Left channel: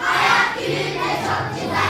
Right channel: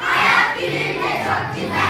Hayat gülünce çok güzel.